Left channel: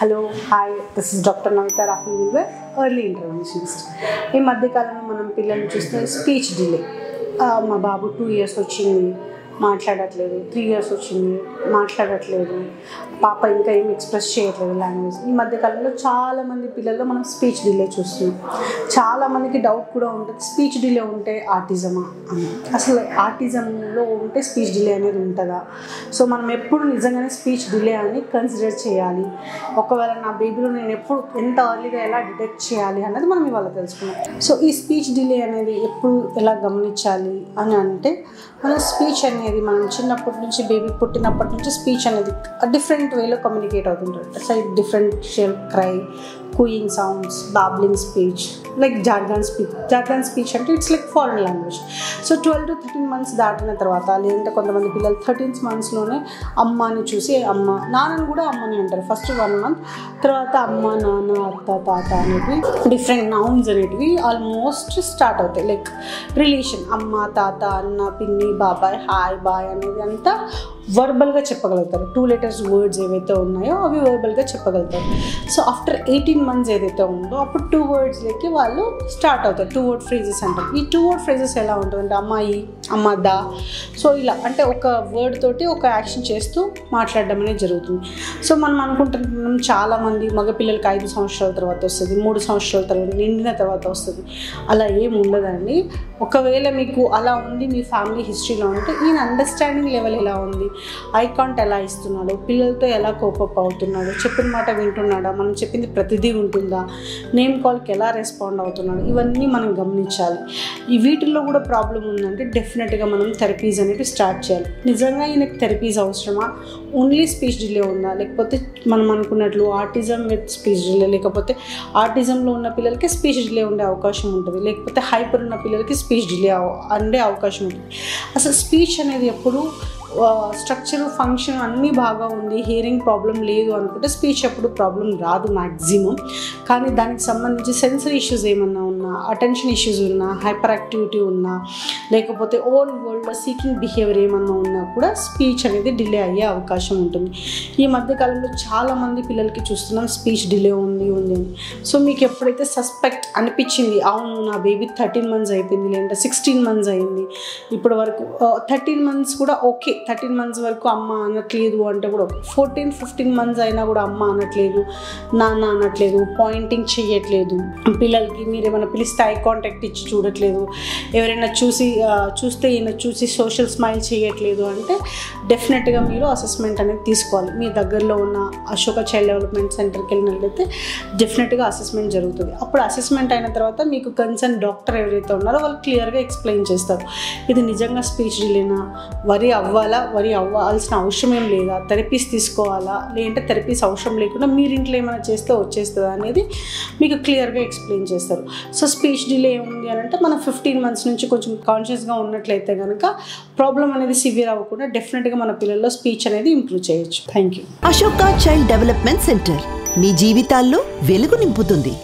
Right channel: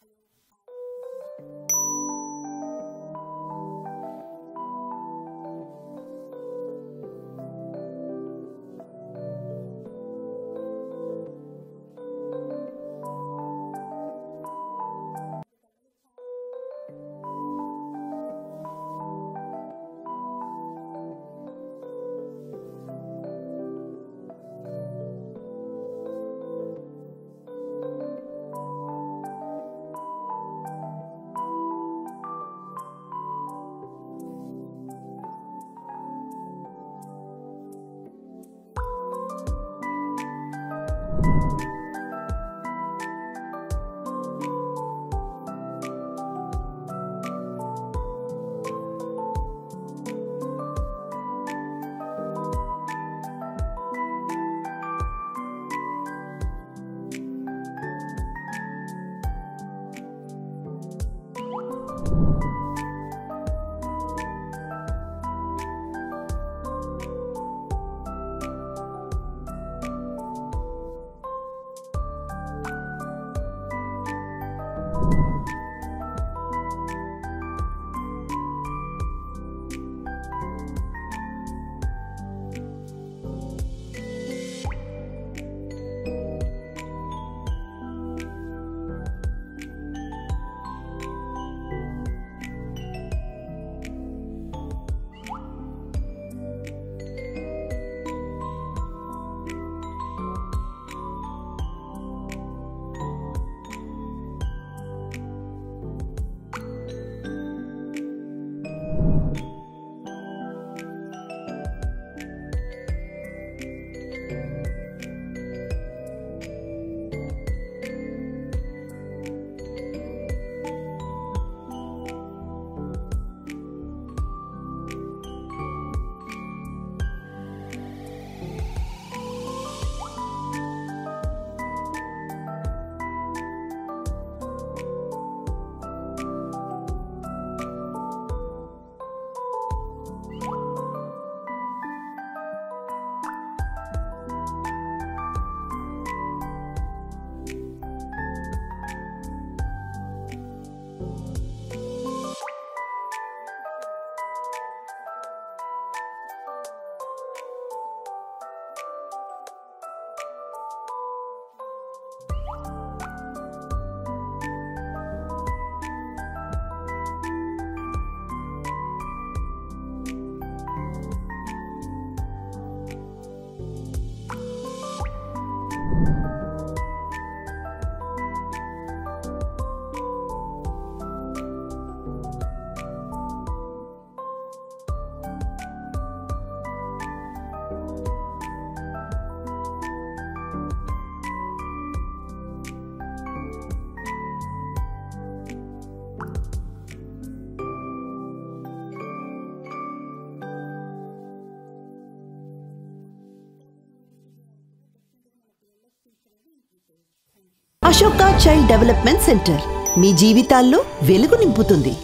Hello hi this is doctor Navitha Rahul early interventionist. ఈ మధ్యకాలంలో మనం పిల్లల్ని చూస్తే స్పీచ్ డిలే. మా బాబు 2 years వచ్చింది మాట్లాడట్లేదు, 3 years వచ్చింది మాట్లాడట్లేదు, పాప ఇంకా ఏం ఎక్స్ప్రెస్ చేయట్లేదు లాంగ్వేజ్. ఈ మధ్యకాలంలో చాలామంది పిల్లల్లో మనం స్పీచ్ డిలే చూస్తున్నాం. చాలామందికి డౌట్ కూడా ఉంటుంది, స్పీచ్ డిలే ఉంటే ఆటిజమా అని. అసలు ఆటిజంలో ఉంటే స్పీచ్ డిలే అనేది ఉంటుందా? సో మనం ఎప్పుడు నిజంగానే స్పీచ్ డిలే అని కన్సిడర్ చేయాలి. ఒకవేళ నా బేబీలో నేను ఎప్పుడు ఎంత ఎర్లీగా ఎలా డిటెక్ట్ చేయాలి అన్నది మనం ఇవాళ తెలుసుకున్నాం. సో ఈ స్పీచ్ డిలే అనేది ఎప్పుడు ఎలా గమనించాలి అని అంటే, మన స్పీచ్ అనేది మనం చిన్నప్పటి నుంచి బేబీ పుట్టినప్పటి నుంచి స్పీచ్ అనేది డిఫరెంట్ వేలో కమ్యూనికేట్ అవుతుంటుంది. Like differential cry, cooing sounds, babbling speech, like jargon speech. Jargon speech అంటే it's like foreign language. So 12 to 13 months దాటిన తర్వాత, లేదంటే కొంతమంది పిల్లలు 13th monthsలోనే అమ్మని చూసి అమ్మ, నాన్నని కూడా అమ్మని అంటారు. ఫస్ట్ 1 month తర్వాత అమ్మ, నాన్న, అత్త, తాత అనేవి డిఫరెంట్ నౌన్స్ అనేటివి ఆల్మోస్ట్ స్టార్ట్ అవుతాయి. లైక్ రిలేషన్ అమ్మ, తాత, అన్న, పిన్ని, బాబాయ్, హాయ్, బాయ్ అనేది అంతా వర్బల్గా చెప్పగలుగుతారు. 2 letters వర్డ్స్ ఏవైతే ఉన్నాయో అవి వర్బల్గా చెప్పగలుగుతారు. సో ఆఫ్టర్ 18 months ఏదైతే ఉందో అప్పుడు 2 wordsలోకి వాళ్ళు స్టార్ట్ అవుతారు. 2 word phrases అంటారు. ఈ 2 word phrases ఎలా ఉంటుందంటే అమ్మాయి, అమ్మదా, సో ఇలా అంటే ఒక వర్డ్ తోటి ఒక యాక్షన్ చేస్తూ మాట్లాడడం అనేది జరుగుతుంది. సో మనం అనుకుంటున్నాం చాలామంది మగపిల్లలకి 5 సంవత్సరాల తర్వాత వస్తుంది, 3 సంవత్సరాల తర్వాత, నిండిన తర్వాత వస్తుంది. అలా ఏం ఉండదండి. ఒకవేళ మీకు అలా ఉంది, మీ ఫ్యామిలీ హిస్టరీలో ఉంటే, ఈయన అండర్స్టాండింగ్ లెవెల్ ఎలా ఉంది, ఐ కాంటాక్ట్ ఎలా ఇస్తున్నాడు, పిల్లలతో ఎలా కోపప్ అవుతున్నాడు, చెప్పిన మాట వింటున్నాడా, మనం చెప్పింది ప్రతిదీ ఉంటుందా, నేమ్ కాల్కి ఎలా రెస్పాండ్ అవుతున్నాడు, ఇవన్నీ మనం గమనించాలి. ఈ వీటిల్లో కూడా ప్రాబ్లం ఉందంటే డెఫినెట్గా మనం థెరపీస్ అనేవి స్టార్ట్ చేయాలి. నిజంగా ఈయనకి థెరపీస్ అవసరమా, ఓన్లీ స్పీచ్ డిలే ఉందా, లేకపోతే మనం అనుకున్నట్లు ఆటిజం విత్ స్పీచ్ డిలే, లేకపోతే ఆటిజంలో ఉన్న పిల్లలకి స్పీచ్ డిలే ఉండే అవకాశం ఉంటుంది, లేకపోతే హైపర్ ఉన్న పిల్లలకి స్పీచ్ డిలే ఉండే అవకాశం ఉంటుంది. అసలు స్పీచ్ అనేది ఎప్పుడు స్ట్రక్చర్, ఫంక్షన్ అన్నీ బాగా ఉంది, హియరింగ్ ప్రాబ్లం లేదు అనుకుంటే స్పీచ్ ఎప్పుడు ప్రాబ్లం రాదు మ్యాక్సిమం. కానీ దానికి సంబంధించి సెన్సరీ ఇష్యూస్ ఏమన్నా ఉన్నా, అటెన్షన్ ఇష్యూస్ ఉన్నా, హైపర్ యాక్టివిటీ ఉన్నా, లేకపోతే ఓన్ వరల్డ్లో సీకింగ్ బిహేవియర్ ఏమన్నా ఉన్నా కూడా స్పీచ్ అనేది డిలే అయ్యే అవకాశం ఉంటుంది. ఈ మధ్యకాలంలో చాలామంది పిల్లలకి చూస్తున్నాం స్పీచ్ డిలే ఉంది అని. సో మీకు ఎప్పుడైతే సస్పెక్ట్ అనిపించింది, అవును నా బేబీ 13 months అయిపోయింది, లేదంటే 16 months అయింది, ఇప్పటి వరకు 13 months కూడా ఓకే, 13 months వరకు అమ్మ అనట్లేదు అంటే కూడా 14-15 months అయినా కూడా అమ్మ అనట్లేదు, నాన్న అనట్లేదు, పాయింటింగ్ చేయట్లేదు, పిల్లలకి మీరు ఏమైనా పిలిస్తే ఐ కాంటాక్ట్ ఇచ్చి చూడట్లేదు, ఎవరైనా చూస్తే ఈయన చూసి సోషల్ స్మైల్ చేయట్లేదు అంటే డెఫినెట్గా మీరు అసెస్మెంట్ అనేది తీసుకోవాలి. మీ దగ్గరలో ఉన్న అశోక చైల్డ్ డెవలప్మెంట్ సెంటర్కి వెళ్ళినట్లయితే డెఫినెట్గా అసెస్మెంట్ జరుగుతుంది. అప్పుడు అసెస్మెంట్ అయిన తర్వాత మీకు కన్సర్న్ డాక్టర్ ఎవరైతే ఉన్నారో వాళ్ళు క్లియర్గా ఎక్స్ప్లెయిన్ చేస్తారు, ఇది నిజంగా స్పీచ్ డిలేనా, వరి అవ్వాల్సిన అవసరం ఏం లేదా, థెరపీస్ తీసుకోవాలా, లేదంటే థెరపీస్ అవసరం లేకుండా మీరు ఇంట్లో ఏమైనా చేస్తే వచ్చేస్తుందా అనేది మీకు క్లియర్గా ఎక్స్ప్లెయిన్ చేస్తారు. సో స్పీచ్ డిలే ఉంది అని అంటే మనం 15 months నుంచి కొంచెం కాన్షియస్గా ఉన్నట్లయితే కనుక ప్రాబ్లం అనేది సివియర్ అవ్వకుండా డెఫినెట్గా మన పిల్లల్లో స్పీచ్ అనేది ఇంప్రూవ్ చేయొచ్చు. Thank you. Ashoka Child Development Centre మీ జీవితాల్లో వెలుగు నింపుతుంది.